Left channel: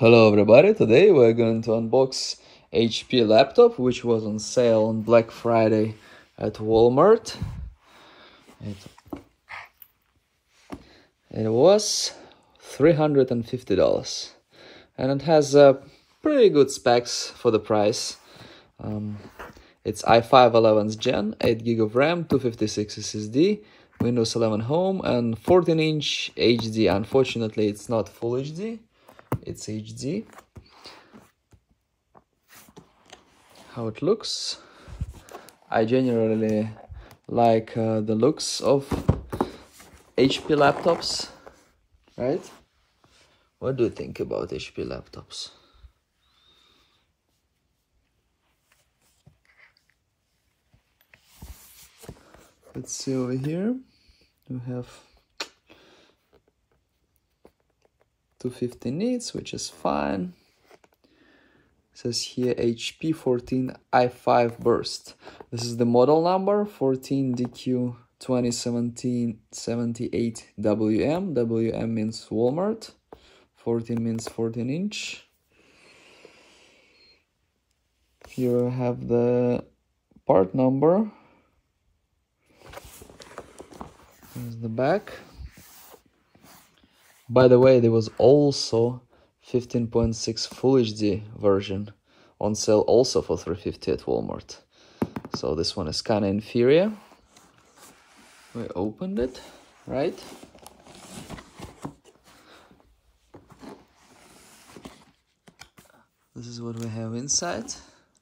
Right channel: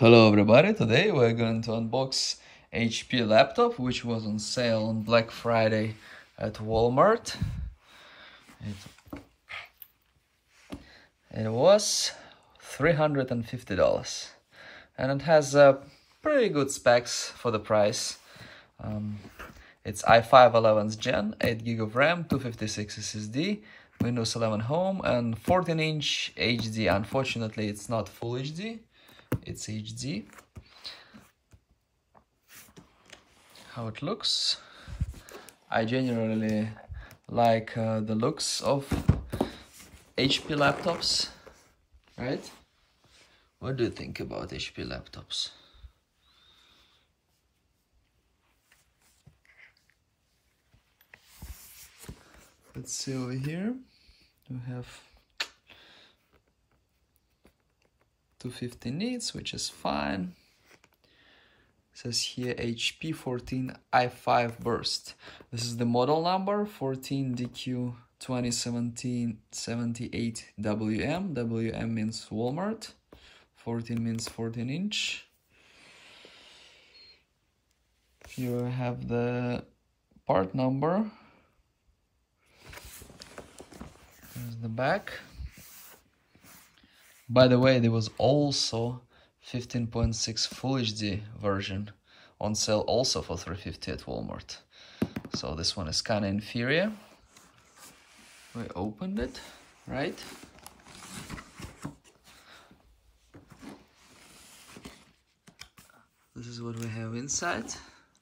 Hello everybody, today we're going to unbox HP laptop which was on sale on Black Friday at Walmart. It was $350 and it has pretty good specs for the price. It's i5 11th gen, 8GB of RAM, 256 SSD, Windows 11 Home and 14-inch HD. Unfortunately it's not Full HD. It's HD. How it looks. I generally like the looks of HP laptops, right? What do you think about HP laptops? Let's see over here. We have 250 nits, which is fine. It says here HP 14 i5 burst. This is the model number 14DQ 2017-78 WM. WM means Walmart. 14 means 14-inch. Here I have the part number. Here's the back. By the way, there was also 15.6 Full HD version on sale also for $350 at Walmart. So this one is kind of inferior. We opened it, right? This is what we have inside,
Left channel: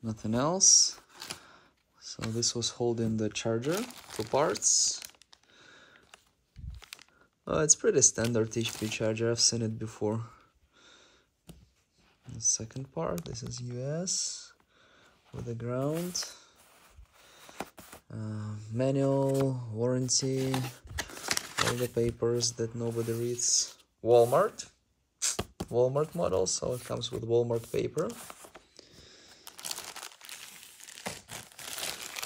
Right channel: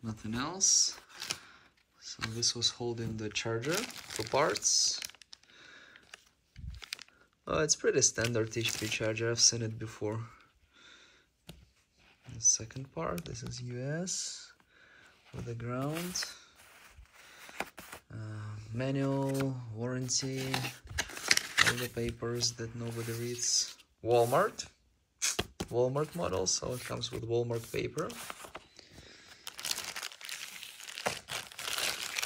nothing else. So this was holding the charger for parts. It's pretty standard HP charger, I've seen it before. The second part, this is US with the ground. Manual, warranty, all the papers that nobody reads. Walmart model, so it comes with Walmart paper.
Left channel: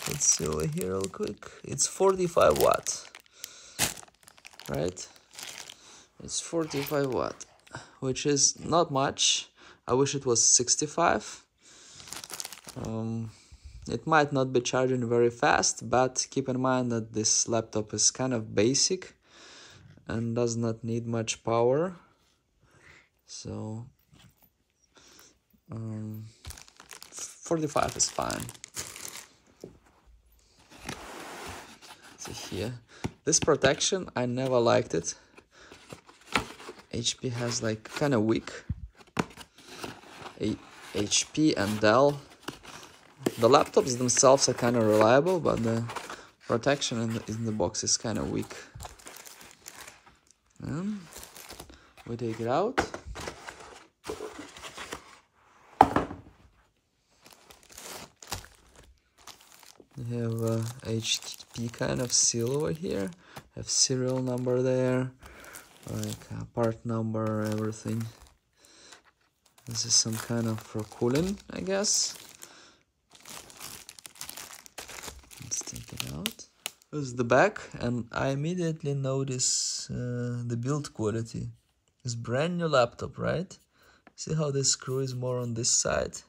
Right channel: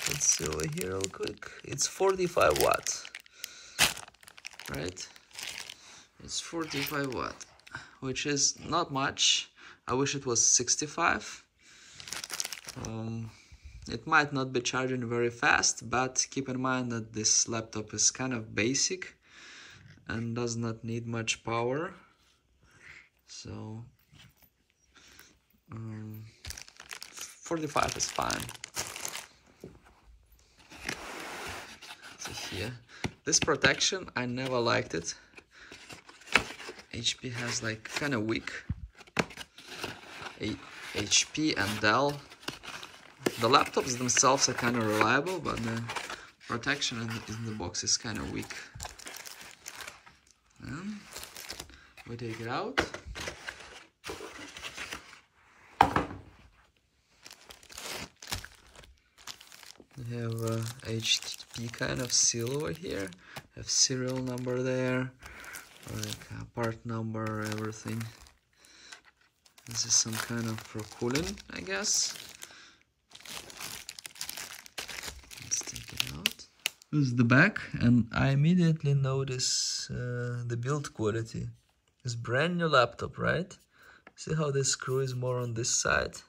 Let's see over here real quick. It's 45 watt. Right, it's 45 watt, which is not much. I wish it was 65. It might not be charging very fast, but keep in mind that this laptop is kind of basic and does not need much power. So 45 is fine. So here, this protection, I never liked it. HP has like kind of weak. HP and Dell. The laptops themselves are kind of reliable, but the protection in the box is kind of weak. And we take it out. We have a HP kind of seal over here. Have serial number there, like part number, everything. This is some kind of for cooling, I guess. Let's take it out. This is the back, and I immediately notice the build quality. It's brand new laptop, right? See how this screw is more on this side?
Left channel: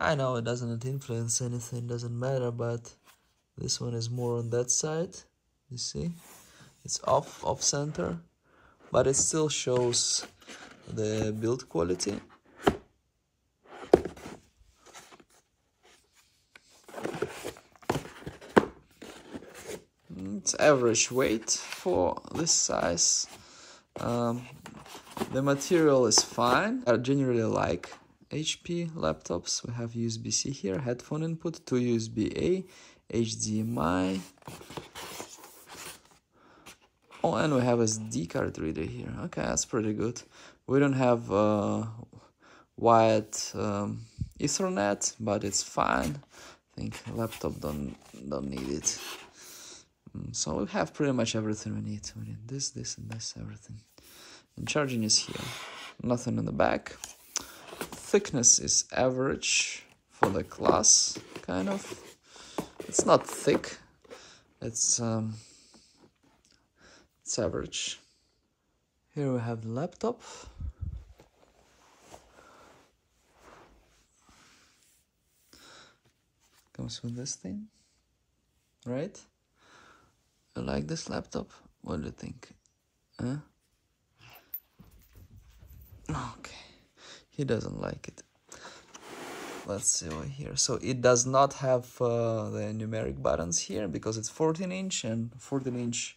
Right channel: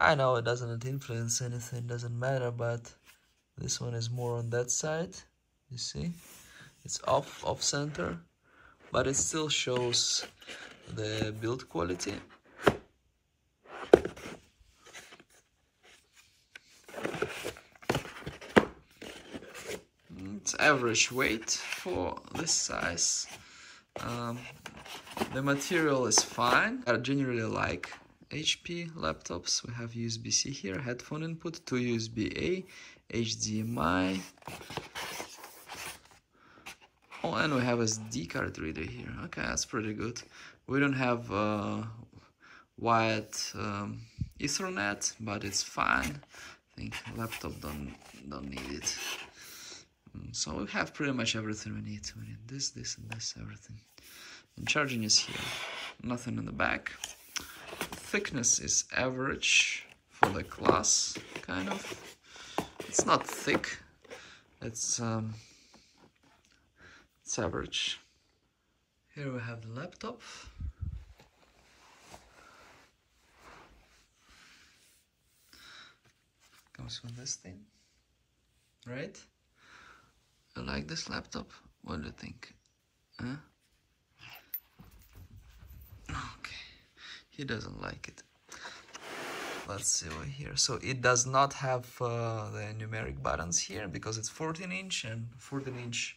I know it doesn't influence anything, doesn't matter, but this one is more on that side. You see, it's off center, but it still shows the build quality. It's average weight for this size. The material is fine. I generally like HP laptops. We have USB-C here, headphone input, 2 USB-A, HDMI. Oh, and we have a SD card reader here. Okay, that's pretty good. We don't have wired Ethernet, but it's fine. I think laptop don't need it. So we have pretty much everything we need. We need this, and this, everything. And charging is here. Nothing in the back. Thickness is average for the class, kind of. It's not thick. It's average. Here we have the laptop. comes with this thing, right? You like this laptop? What do you think? Huh? Okay, he doesn't like it. Let's see over here. So it does not have the numeric buttons here because it's 14-inch, and 14-inch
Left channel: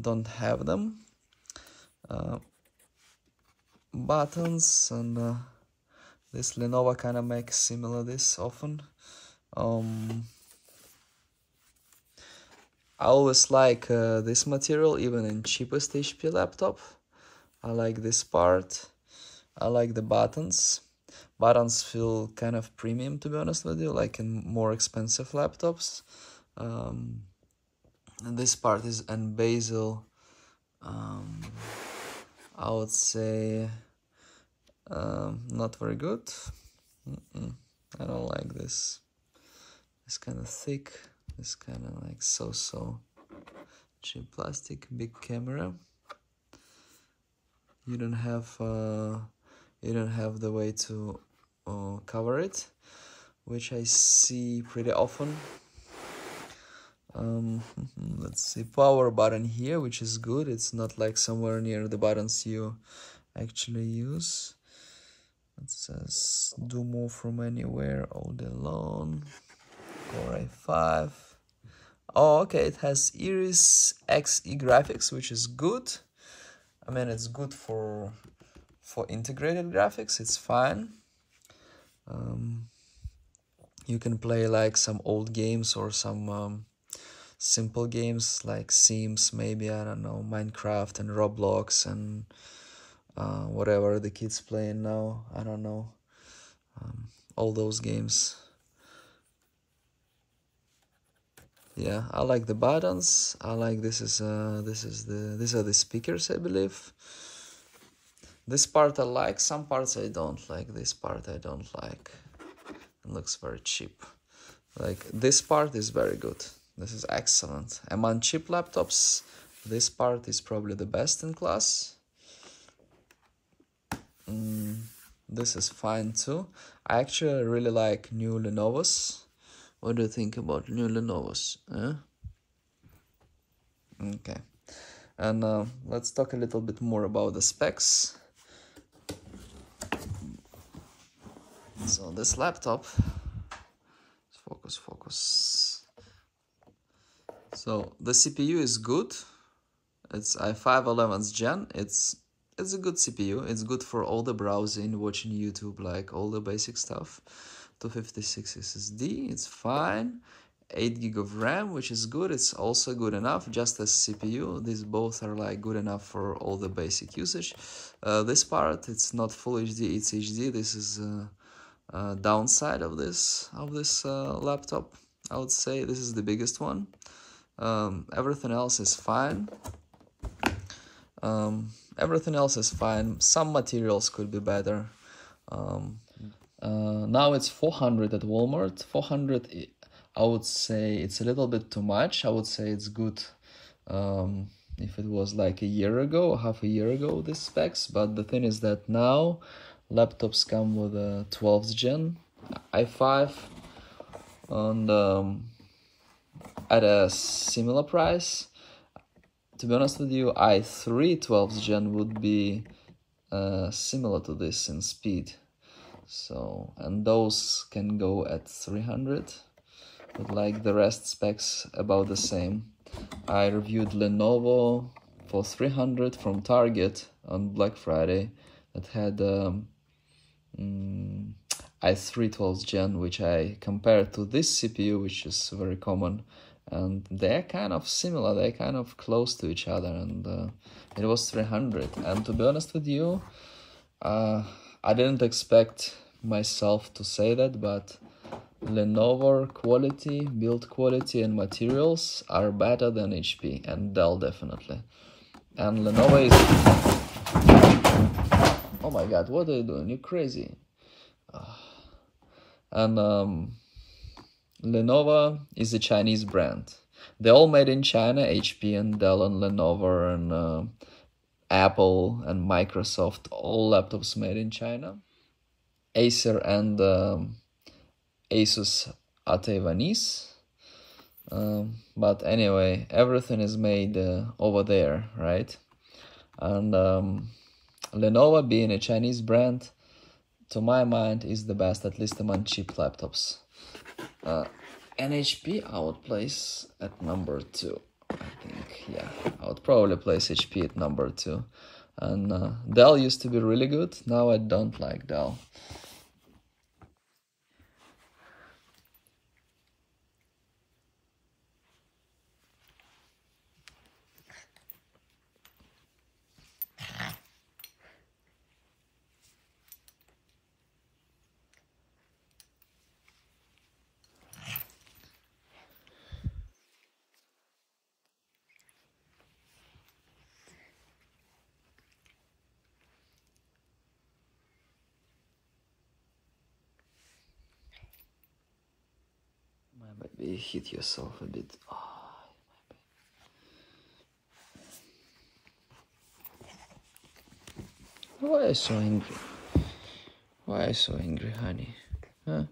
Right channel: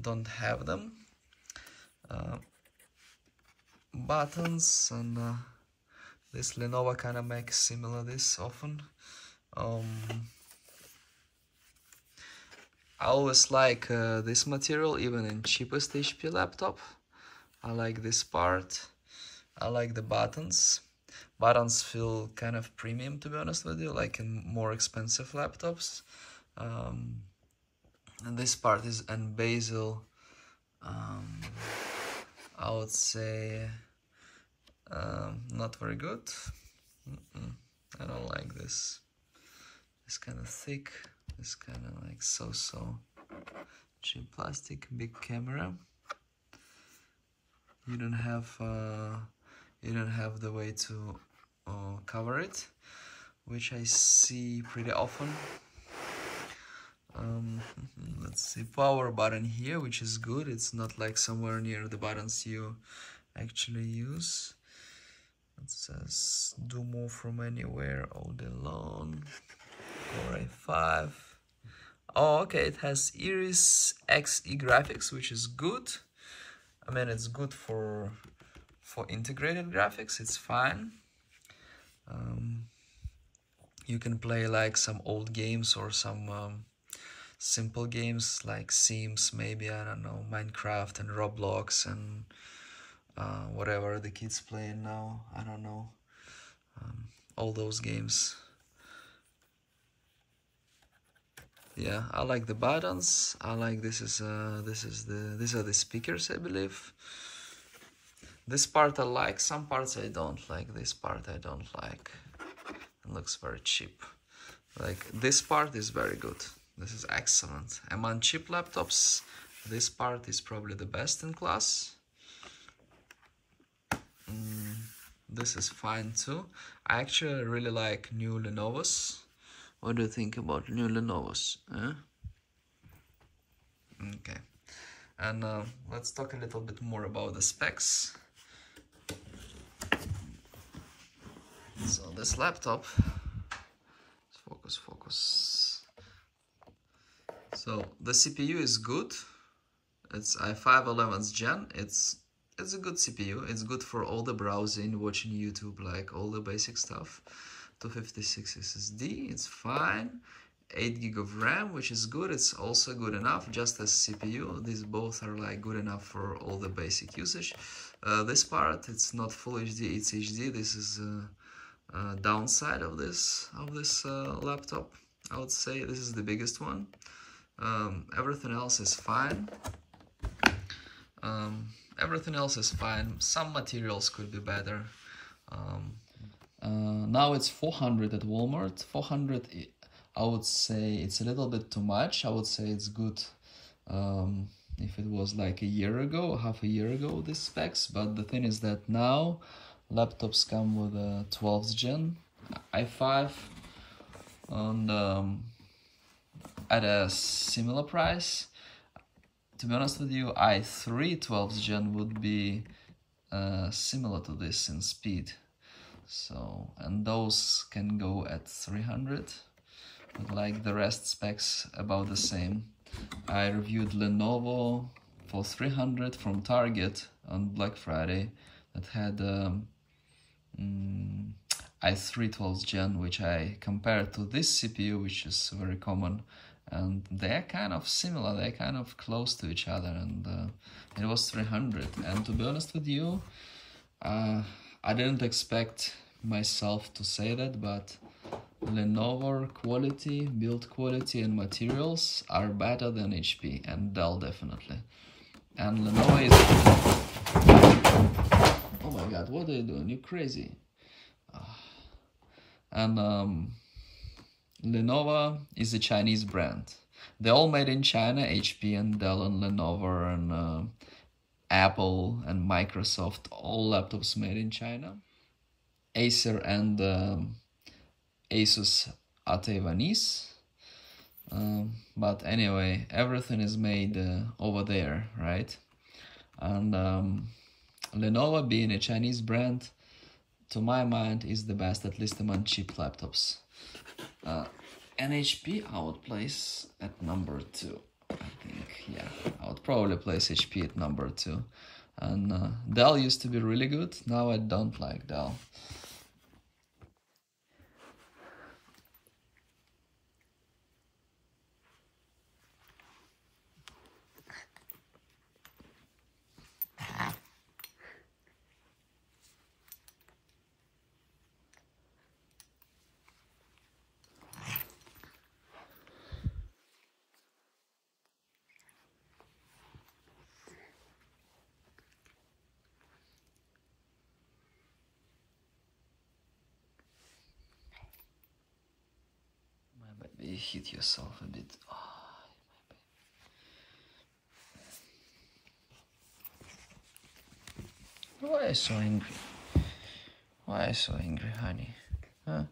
don't have them. Buttons, and this Lenovo kind of makes similar this often. I always like this material, even in cheapest HP laptop. I like this part. I like the buttons. Buttons feel kind of premium, to be honest with you, like in more expensive laptops. And this part is in bezel. I would say not very good. I don't like this. It's kind of thick. It's kind of like so cheap plastic. Big camera. You don't have the way to cover it, which I see pretty often. Let's see, power button here, which is good. It's not like somewhere near the buttons you actually use. It says do more from anywhere all day long. Core i5. Oh, okay, it has Iris Xe graphics, which is good. I mean, it's good for integrated graphics. It's fine. You can play like some old games or some simple games like Sims, maybe, I don't know, Minecraft and Roblox and whatever the kids playing now, I don't know, all those games. Yeah, I like the buttons. I like these are the speakers, I believe. This part I like, some parts I don't like. This part I don't like. It looks very cheap. Like, this part is very good. This is excellent. Among cheap laptops, this part is probably the best in class. This is fine too. I actually really like new Lenovos. What do you think about new Lenovos? Okay. And let's talk a little bit more about the specs. So this laptop, focus. So the CPU is good. It's i5 11th gen. It's a good CPU. It's good for all the browsing, watching YouTube, like all the basic stuff. 256 SSD, it's fine. 8 GB of RAM, which is good. It's also good enough, just as CPU. These both are like good enough for all the basic usage. This part, it's not full HD, it's HD. This is downside of this laptop. I would say this is the biggest one. Everything else is fine. Everything else is fine. Some materials could be better. Now it's 400 at Walmart. 400, I would say it's a little bit too much. I would say it's good if it was like a year ago or half a year ago, the specs. But the thing is that now laptops come with a 12th gen i5 and at a similar price. To be honest with you, i3 12th gen would be similar to this in speed. So, and those can go at 300, but like the rest specs about the same. I reviewed Lenovo for 300 from Target on Black Friday that had i3 12th gen, which I compared to this CPU, which is very common, and they're kind of similar, they're kind of close to each other, and it was 300. And to be honest with you, I didn't expect myself to say that, but Lenovo quality, build quality and materials are better than HP and Dell, definitely. And Lenovo is... Oh my god, what are you doing? You're crazy. And Lenovo is a Chinese brand. They're all made in China, HP and Dell and Lenovo and Apple and Microsoft, all laptops made in China. Acer and Asus are Taiwanese. But anyway, everything is made over there, right? And Lenovo, being a Chinese brand, to my mind is the best, at least among cheap laptops. And HP I would place at number 2. I think, yeah, I would probably place HP at number 2. And Dell used to be really good. Now I don't like Dell. Maybe hit yourself a bit. Oh, why are you so angry? Why are you so angry, honey? Huh?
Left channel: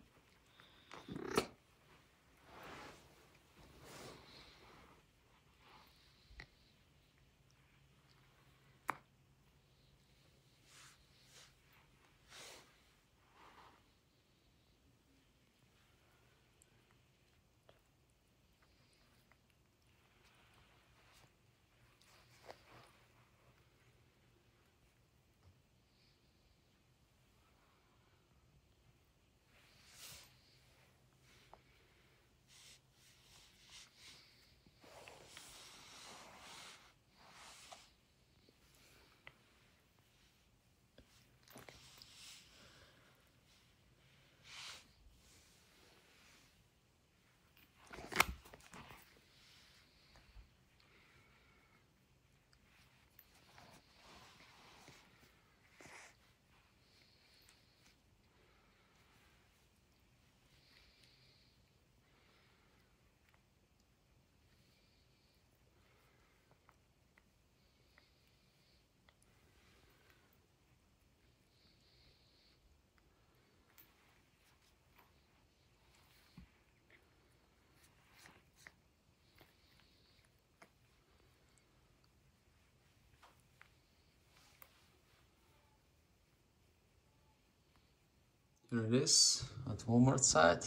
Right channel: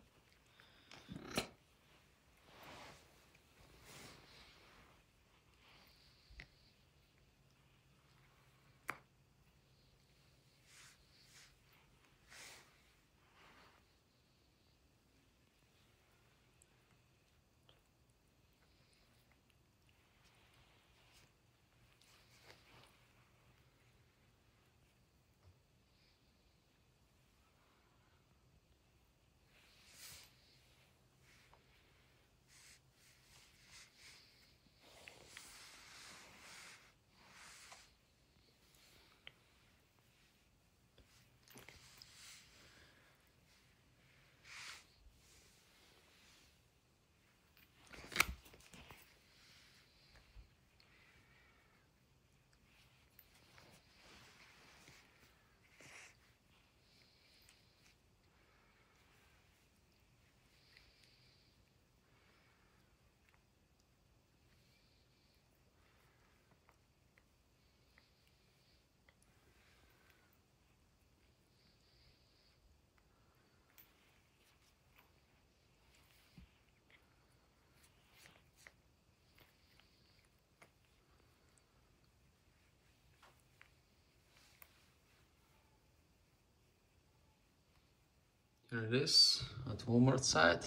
Here it is at Walmart side.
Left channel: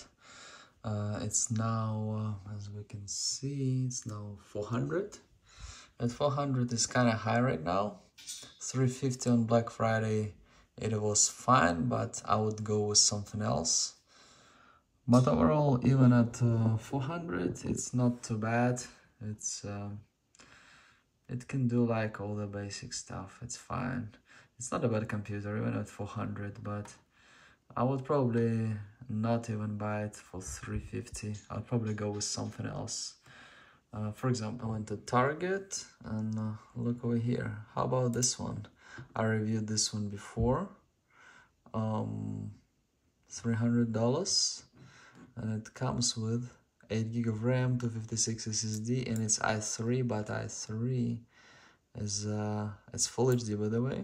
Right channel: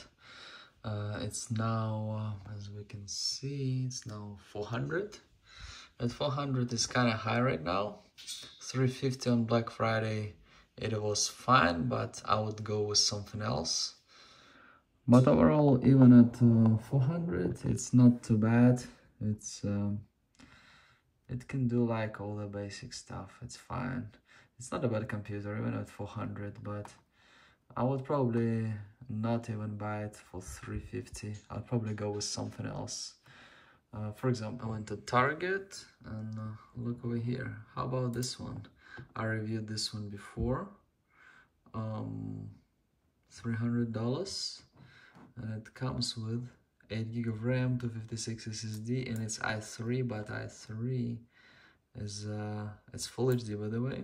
It's now, as we can see, it's now 400. At 400 is kind of high right now. 350 on Black Friday, it was fine, but I would go with something else. But overall, even at 400, it's not too bad. It can do like all the basic stuff. It's fine. It's not a bad computer, even at 400, but I would probably not even buy it for 350. I'll probably go with something else. For example, I went to Target and look over here. How about this one? I reviewed this one before. $300, and it comes with 8 GB of RAM, 256 SSD, and it's i3, but i3 is it's full HD by the way,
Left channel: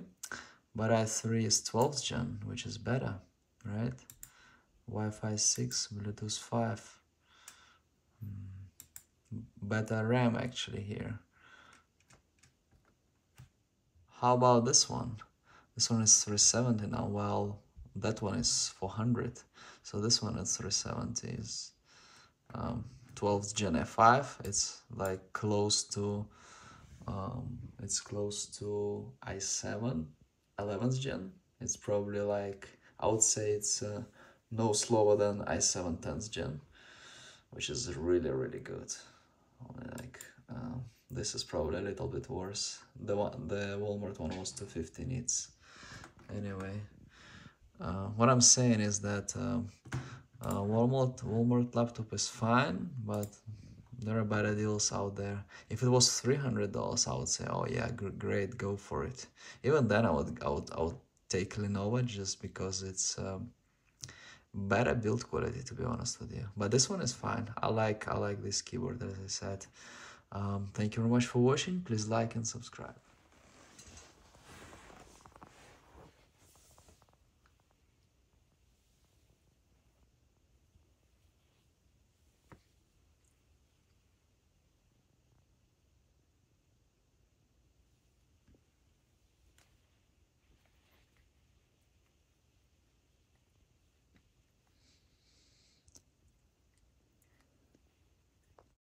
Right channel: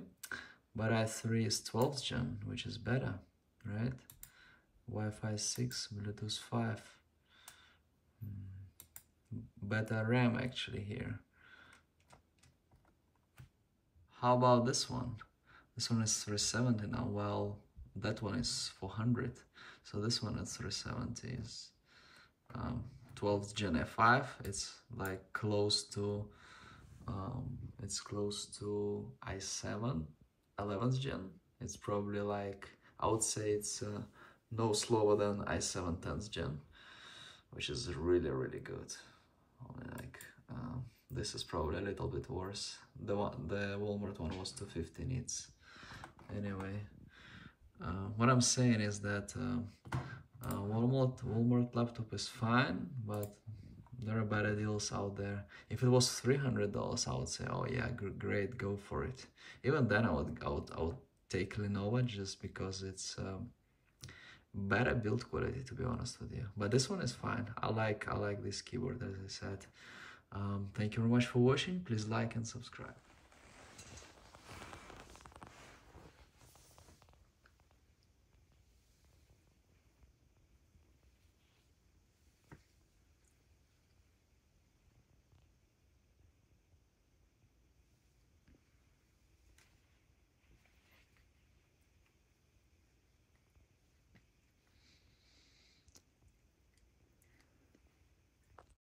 but i3 is 12th gen, which is better, right? Wi-Fi 6, Bluetooth 5, better RAM actually here. How about this one? This one is 370 now. Well, that one is 400, so this one is 370 is 12th gen i5. It's like close to i7 11th gen. It's probably like, I would say it's no slower than i7 10th gen, which is really good. Like this is probably a little bit worse. The Walmart one was 250 nits. Anyway, what I'm saying is that Walmart laptop is fine, but there are better deals out there. If it was $300, I would say, oh yeah, great, go for it. Even then, I would take Lenovo just because it's better build quality, to be honest with you. But this one is fine. I like this keyboard, as I said. Thank you very much for watching. Please like and subscribe.